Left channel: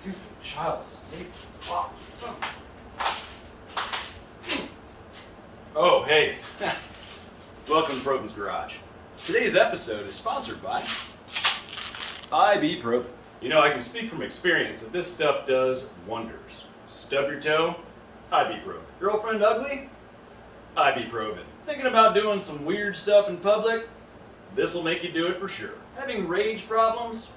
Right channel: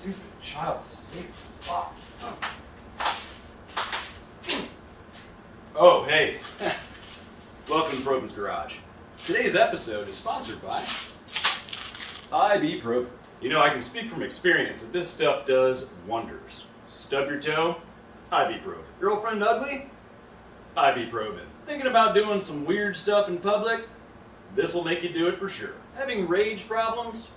Stupid child safety clock. Oh, hey. Welcome to Provins Garage. Today's episode is sponsored by IBeProvin. You know, I can speak from experience that this stuff does wonders. Stub your toe? IBeProvin. Girlfriend ugly? IBeProvin. Thinking about doing some weird stuff in public? This will make you do it for sure. Having rage problems?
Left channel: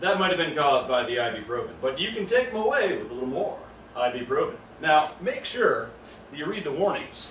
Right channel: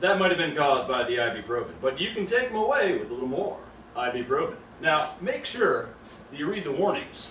That might have been caused by the IBeProvin, but you can take them away with a little more IBeProvin. Now, make sure that you read the warnings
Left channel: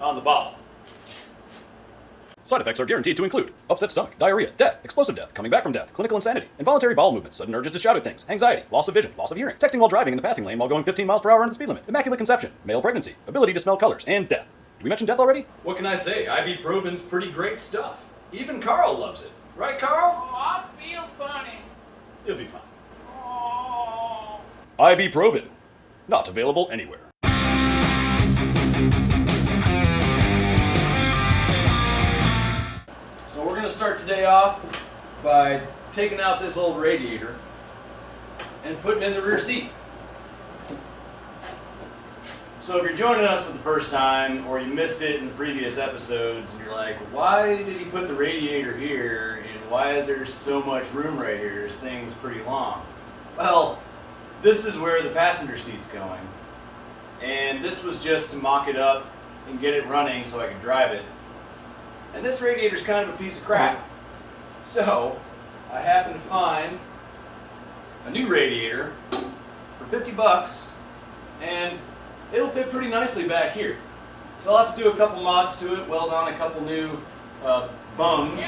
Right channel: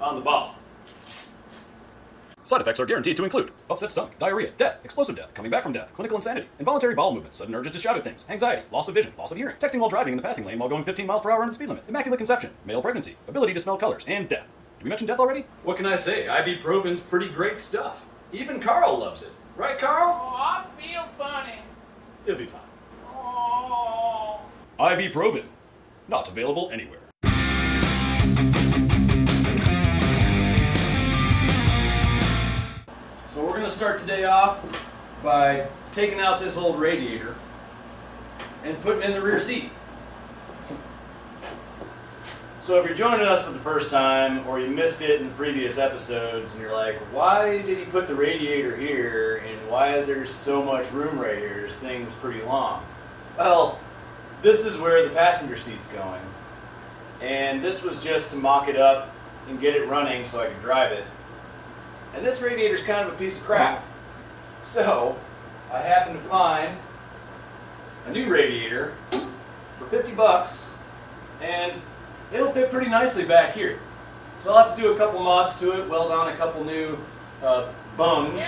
on the bottle. Side effects are guaranteed to include upset stomach, diarrhea, death, explosive death, coming back from death, clinical insanity, involuntary bowel movements, sudden urges to shout at things, anxiety, loss of vision, loss of hearing, texting while driving in the passing lane while going 15 miles per hour in the speed limit, immaculate conception, male pregnancy, ability to smell colors, and death. Did we mention death already? What can I say? IBeProvin's pretty great stuff. Even Carl loves it. Right, Carl? Oh, I feel funny. You'll be fine. Oh. IBeProvin. Not available anywhere. So we're going to start today off by taking out this old radiator and putting it in the rear seat. So if you're joining us for the first time or you missed it in the previous episodes and you're like, why did he put the radiator here and why is there so much room right here? This thing's pretty long. Well, this is where the passenger seat's going. And this was just to mock it up and get it running so I could drive it. And this radiator's kind of a piece of crap. So I happened to find a new radiator for 50 bucks and it'll fit pretty nicely back here. So I'll have to do a couple mods to it, weld on a couple new bungs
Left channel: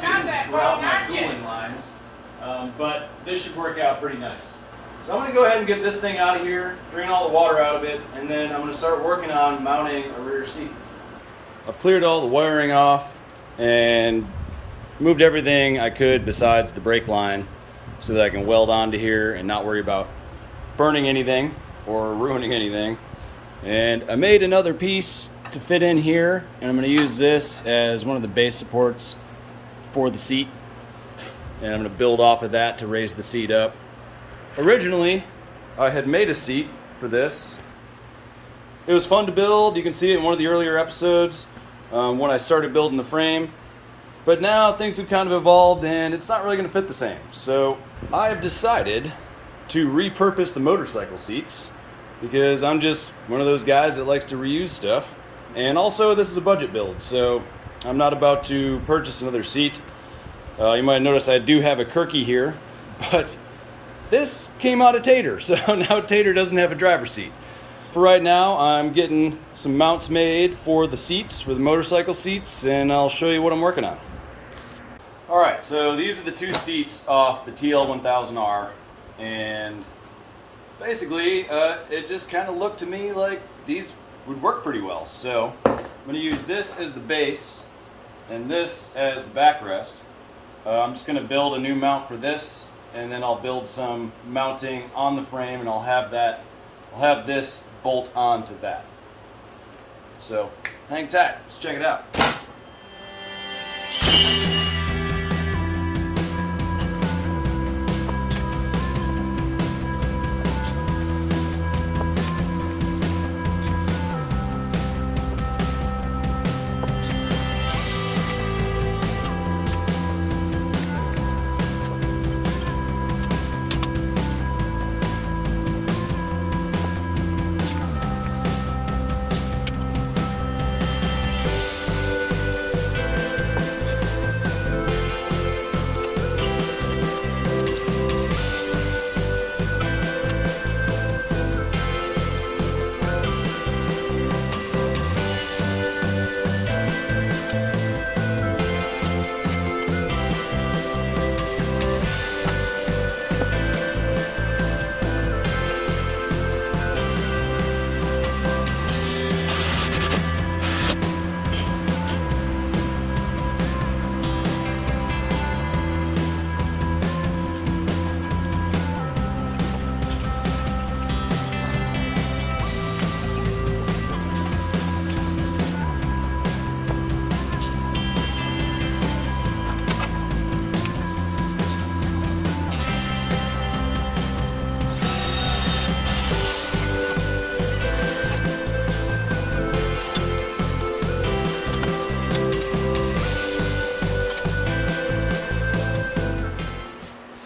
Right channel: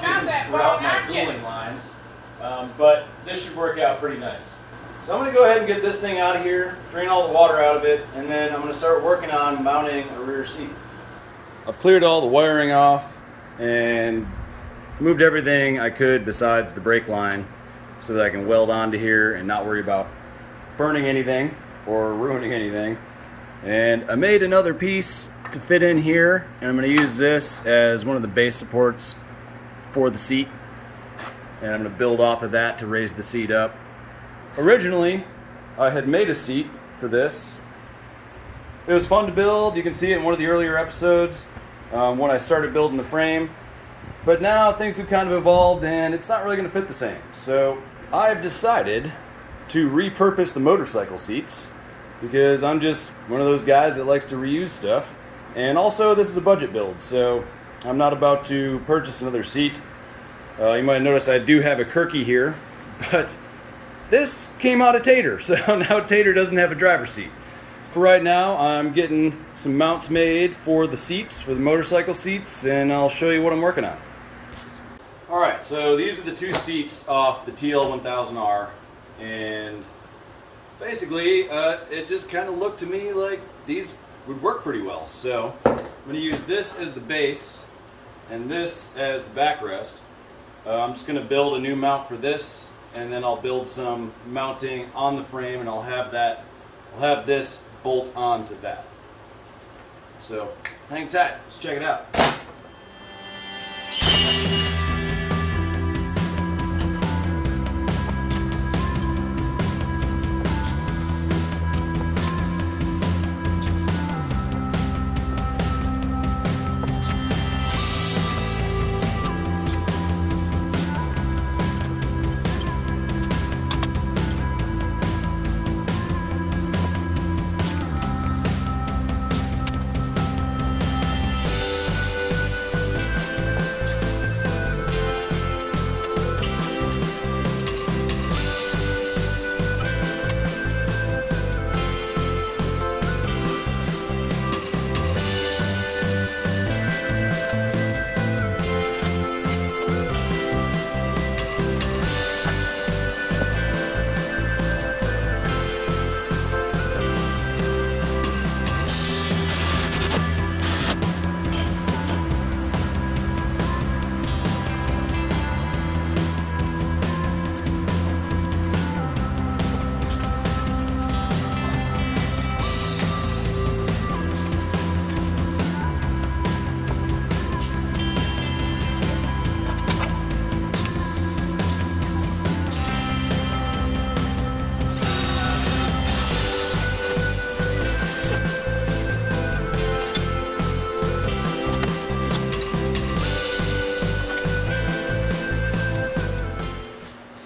to route my cooling lines. But this should work out pretty nice. So I'm going to go ahead and get this thing out of here, drain all the water out of it, and then I'm going to start working on mounting a rear seat. I've cleared all the wiring off and moved everything I could besides the brake line so that I can weld onto here and not worry about burning anything or ruining anything. And I made another piece to fit in here, and I'm going to use this as one of the base supports for the seat. And I'm going to build off of that to raise the seat up. Originally, I had made a seat for this. It was fun to build. You can see it in one of the earlier episodes when I started building the frame. But now things have kind of evolved and it's not really going to fit the same. So I've decided to repurpose the motorcycle seats, because I'm just one of those guys that likes to reuse stuff. And also, this is a budget build, so I'm not about to purchase another seat. You might notice I do have a Kirky here, but this came out of Tater, so now Tater doesn't have a driver's seat. For right now, I'm getting some mounts made for the seats, for the motorcycle seats, and I'll show you what I'm working on. Alright, so these are the two seats off the TL1000R, and basically, it just kind of looked to me like these would work pretty well. So I'm going to use this as the base and this as the backrest. I'm just going to build a new mount for this, and then I'll build some mounting on the frame, and I'll have this bolt onto that. So hang tight, let's check it out.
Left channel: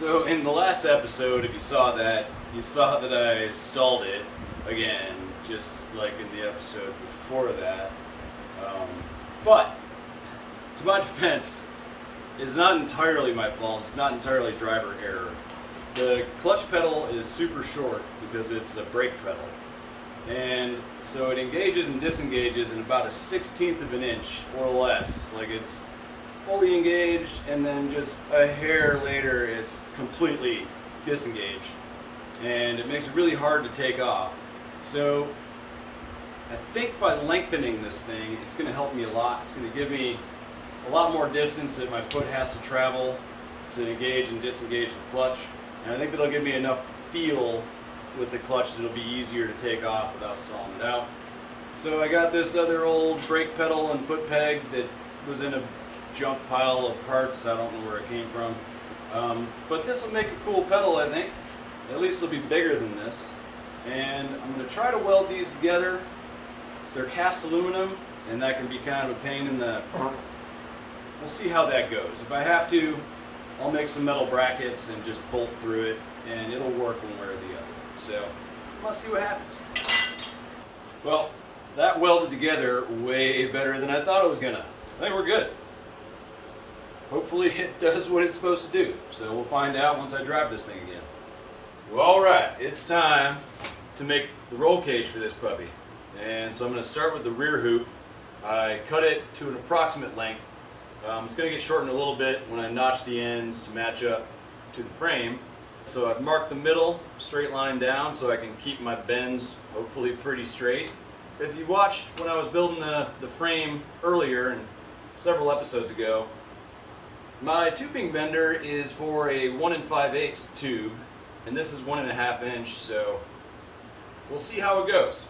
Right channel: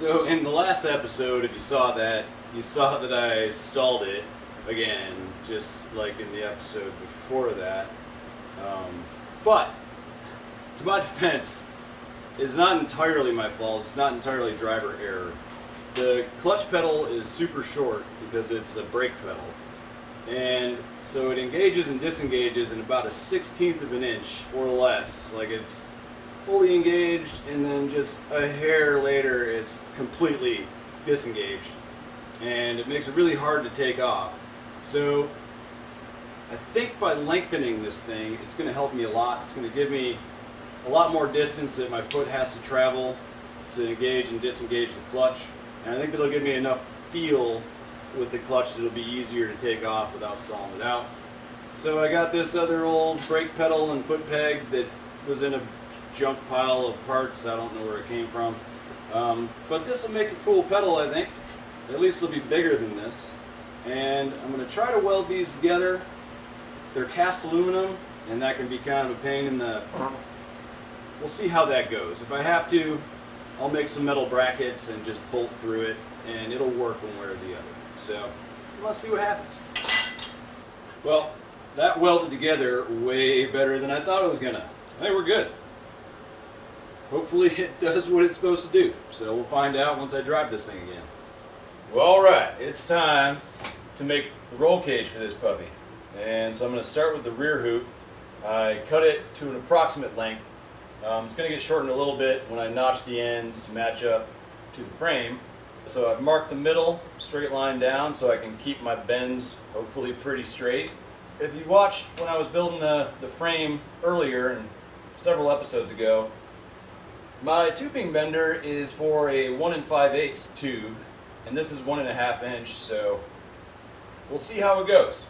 So in the last episode, if you saw that I stalled it again, just like in the episode before that. But to my defense, it's not entirely my fault. It's not entirely driver error. The clutch pedal is super short because it's a brake pedal. And so it engages and disengages in about a 1/16 of an inch or less. Like it's fully engaged and then just a hair later it's completely disengaged. And it makes it really hard to take off. So I think by lengthening this thing, it's going to help me a lot. It's going to give me a lot more distance that my foot has to travel to engage and disengage the clutch. And I think that'll give me enough feel with the clutch that it'll be easier to take off without stalling it out. So I got this other old brake pedal and foot peg that was in a junk pile of parts. I don't know where it came from. But this will make a cool pedal, I think. At least it'll be bigger than this. And I'm going to try to weld these together. They're cast aluminum, and that can be kind of a pain in the... We'll see how that goes. If I have to, I'll make some metal brackets and just bolt through it, and it'll work one way or the other. So, let's see what happens. Well, that welded together way better than I thought it was gonna. I think we're good. Hopefully it does what it's supposed to do. So we'll find out once I drive this thing again. Well, alright, it's time to make the roll cage for this puppy. And so I'm going to start with the rear hoop. I cut it to an approximate length. It's going to get shortened a little bit when I notch the ends to match up to the frame. So I've marked the middle straight line down so I can keep my bends hopefully pretty straight. If you watched when I was building the frame earlier and several episodes ago, my tubing bender is for a 1 5/8 tube, and this is 1.5 inch, so we'll see how it goes.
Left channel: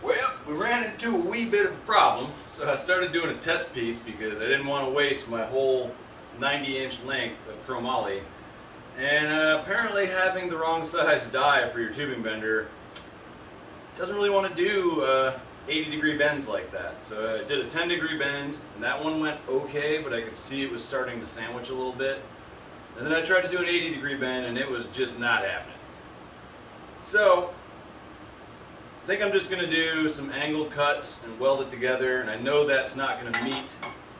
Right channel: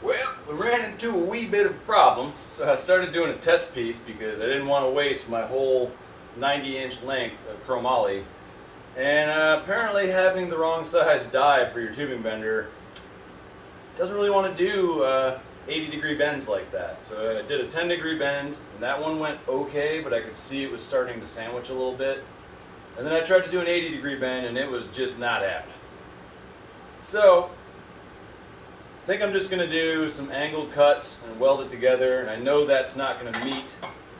Well, we ran into a wee bit of a problem, so I started doing a test piece because I didn't want to waste my whole 90-inch length of chromoly. And apparently having the wrong size die for your tubing bender doesn't really want to do 80-degree bends like that. So I did a 10-degree bend, and that one went okay, but I could see it was starting to sandwich a little bit. And then I tried to do an 80-degree bend, and it was just not happening. So I think I'm just going to do some angle cuts and weld it together, and I know that's not going to meet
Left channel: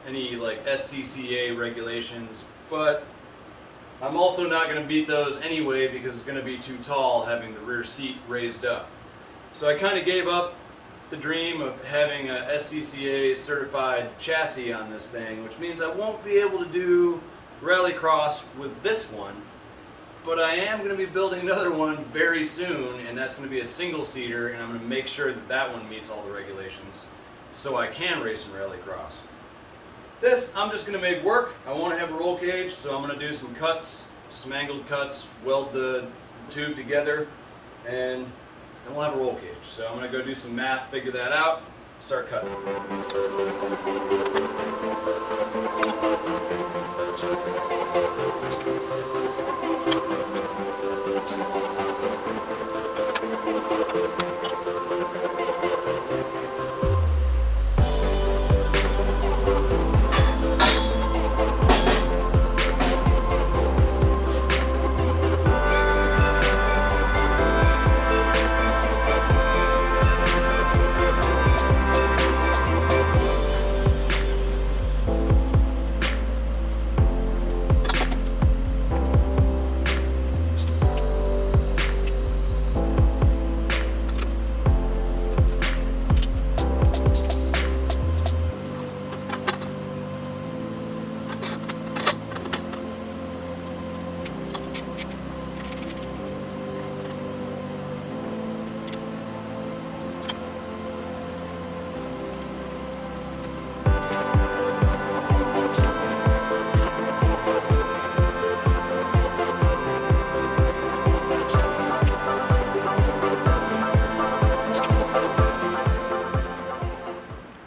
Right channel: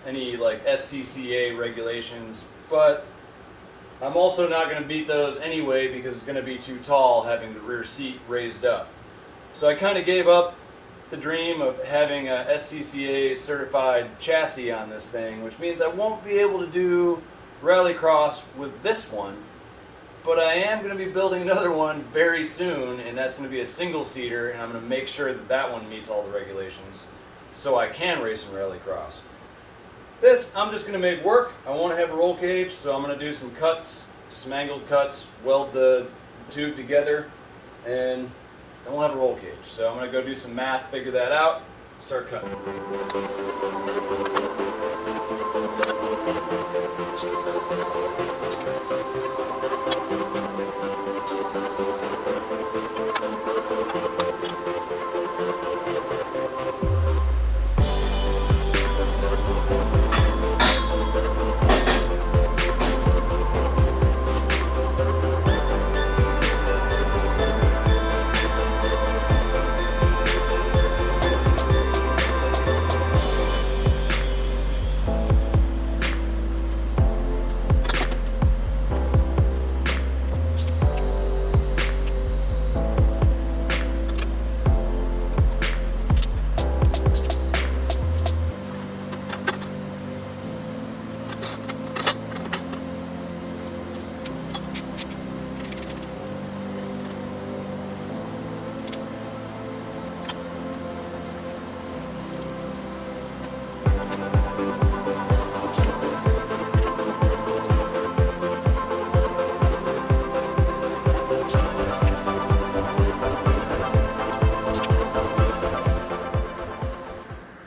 any like SCCA regulations, but I'm also not going to beat those anyway because it's going to be too tall having the rear seat raised up. So I kind of gave up the dream of having a SCCA certified chassis on this thing, which means I won't be able to do rallycross with this one, but I am going to be building another one very soon, and that's going to be a single-seater, and I'm going to make sure that that one meets all the regulations so I can race in rallycross. This, I'm just going to make work. I want to have a roll cage, so I'm going to do some cuts, some angled cuts, weld the tube together, and then we'll have a roll cage. So I'm going to go do some math, figure that out, start cutting.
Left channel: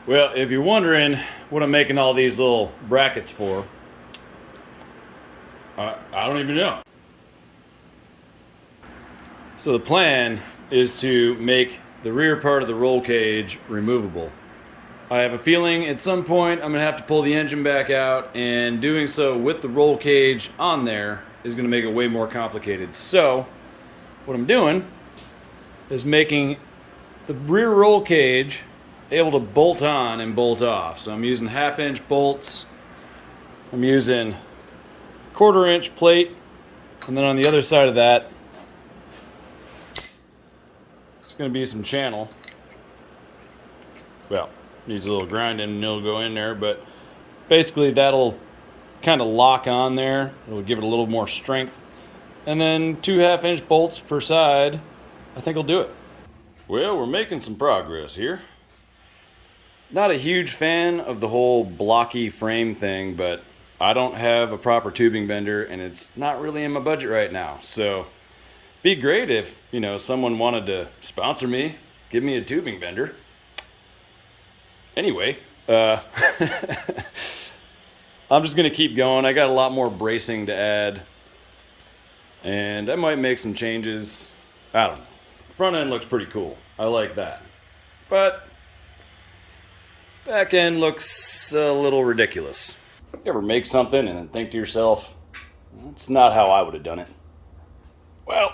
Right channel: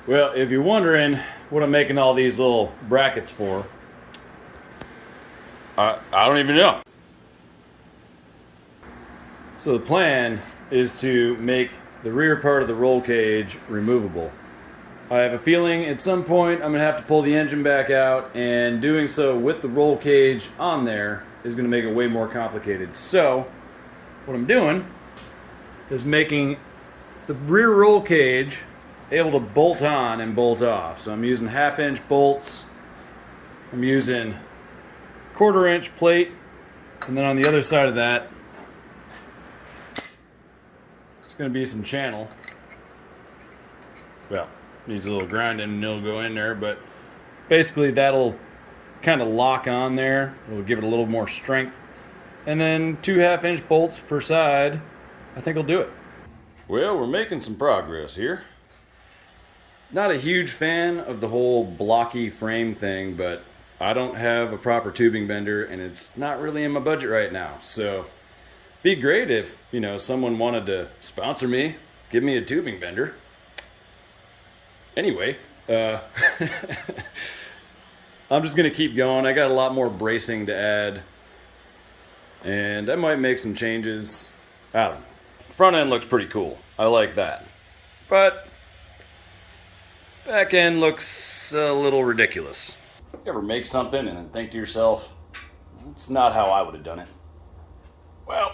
Well, if you're wondering what I'm making all these little brackets for, I don't even know. So the plan is to make the rear part of the roll cage removable. I have a feeling at some point I'm going to have to pull the engine back out, and doing so with the roll cage on there is going to make it way more complicated. So what I'm doing is making the rear roll cage able to bolt on and bolt off. So I'm using 1/2-inch bolts. I'm using 1/4-inch plate, and then on the other side of that, it's going to be some channel. Well, needs a little grinding and it'll go in there, but basically that'll kind of lock on there. It'll give it a little more strength. And then 2 1/2-inch bolts per side, I think will do it. Well, we're making some progress here. Not a huge fan of the whole blocky frame thing, but I don't have a proper tubing bender and it's not really in my budget right now. So be great if, someone wanted to sponsor me, give me a tubing bender. Anyway, I'm just gonna keep going. I got a lot more bracing to add, and I might make some changes. I don't know. Front end looks pretty cool. I like that. But back end looks a little ridiculous. You ever make something and then think to yourself, that's not how I would have done it? Well,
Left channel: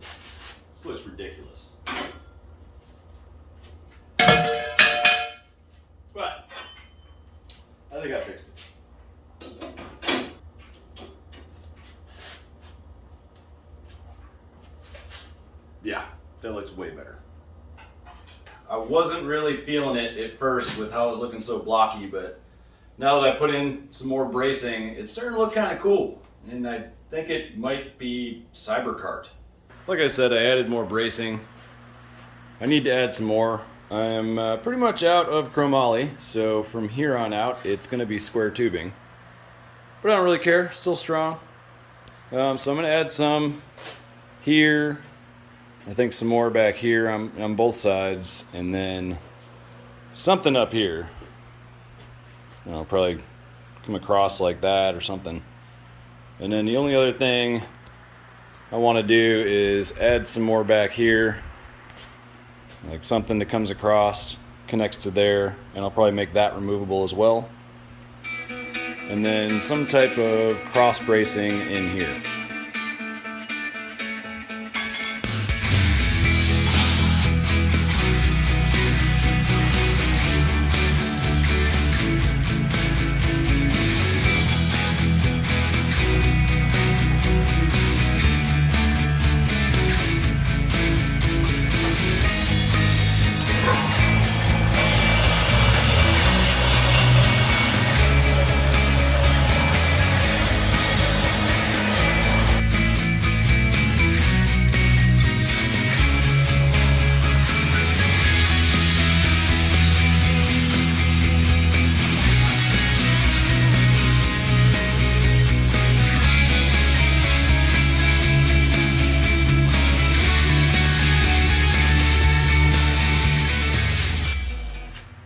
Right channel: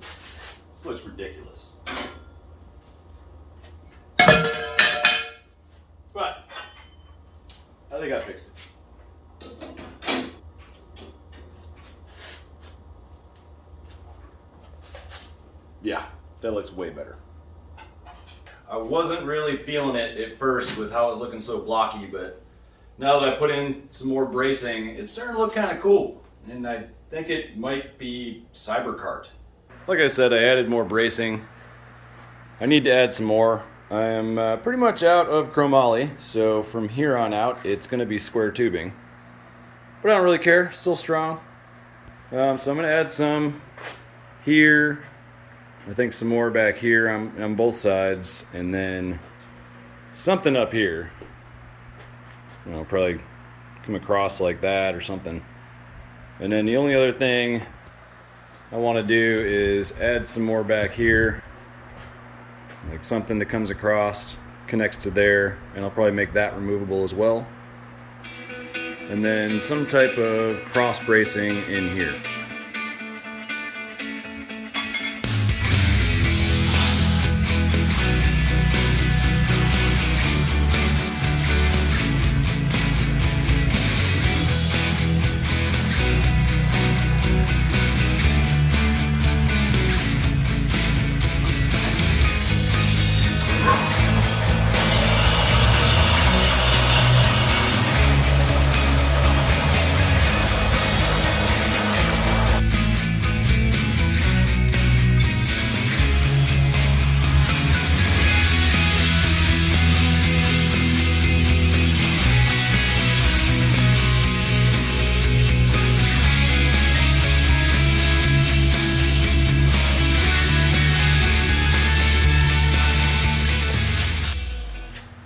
this looks ridiculous. But I think I fixed it. Yeah, that looks way better. I wasn't really feeling it at first with how it was looking so blocky, but now that I put in some more bracing, it's starting to look kind of cool. And I think it might be Cyberkart. Like I said, I added more bracing. I need to add some more. I am pretty much out of chromoly, so from here on out, it's going to be square tubing. But I don't really care, still strong. So I'm going to add some here. I think some more back here on both sides, and then something up here. Probably come across like that or something. And then the only other thing I want to do is add some more back here. Like something that comes across, connects to there, and I'll probably make that removable as well. And then some type of cross bracing in here.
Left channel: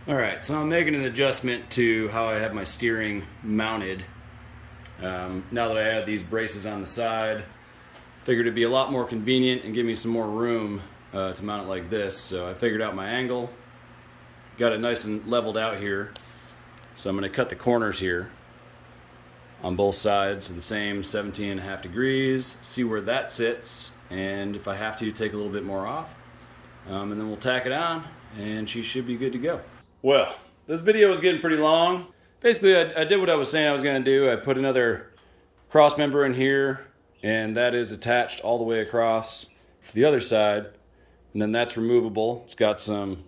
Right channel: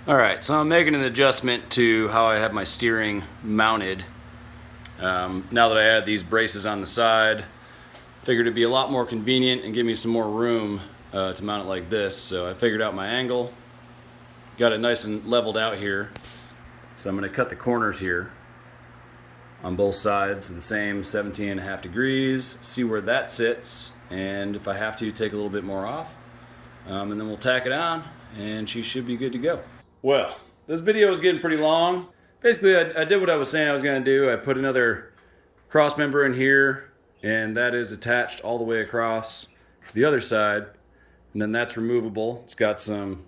Alright, so I'm making an adjustment to how I have my steering mounted. Now that I added these braces on the side, figured it'd be a lot more convenient and give me some more room to mount it like this. So I figured out my angle, got it nice and leveled out here. So I'm going to cut the corners here on both sides the same 17.5 degrees, see where that sits, and if I have to, take a little bit more off. And then we'll tack it on, and she should be good to go. Well, this video is getting pretty long. Basically, I did what I was saying I was going to do. I put another cross member in here, and that is attached all the way across to the other side. And then that's removable. It's got some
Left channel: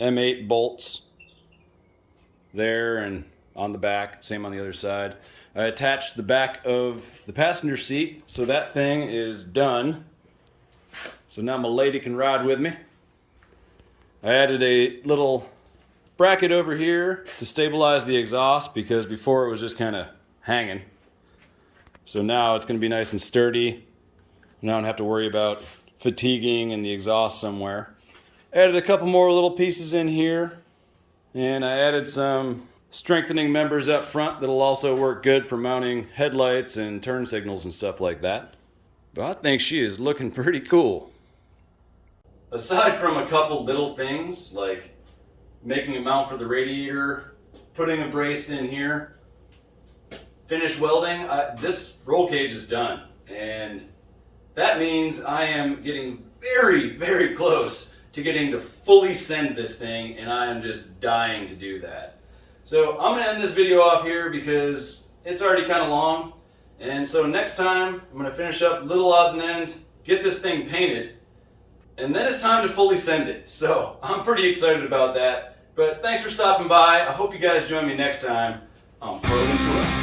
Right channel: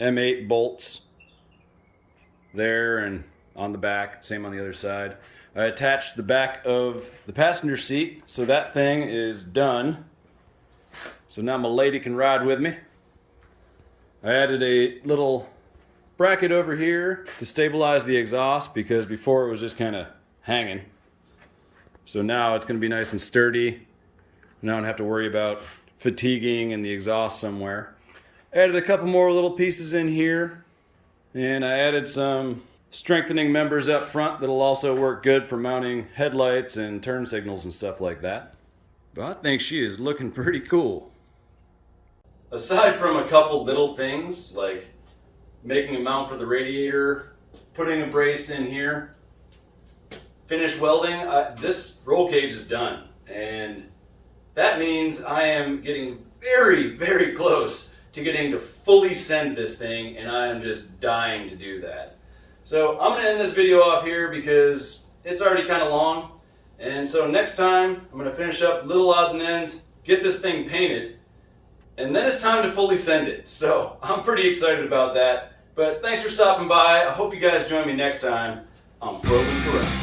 M8 bolts there and on the back, same on the other side. I attached the back of the passenger seat, so that thing is done. So now my lady can ride with me. I added a little bracket over here to stabilize the exhaust because before it was just kind of hanging. So now it's going to be nice and sturdy. I don't have to worry about fatiguing in the exhaust somewhere. Added a couple more little pieces in here, and I added some strengthening members up front that'll also work good for mounting headlights and turn signals and stuff like that. But I think she is looking pretty cool. aside from a couple little things like making a mount for the radiator, putting a brace in here, finish welding, this roll cage is done. And that means I am getting very, very close to getting to fully send this thing, and I am just dying to do that. So I'm gonna end this video off here because it's already kind of long. And so next time I'm gonna finish up little odds and ends, get this thing painted, and then it's time to fully send it. So I'm pretty excited about that. But thanks for stopping by. I hope you guys join me next time on Provins Garage.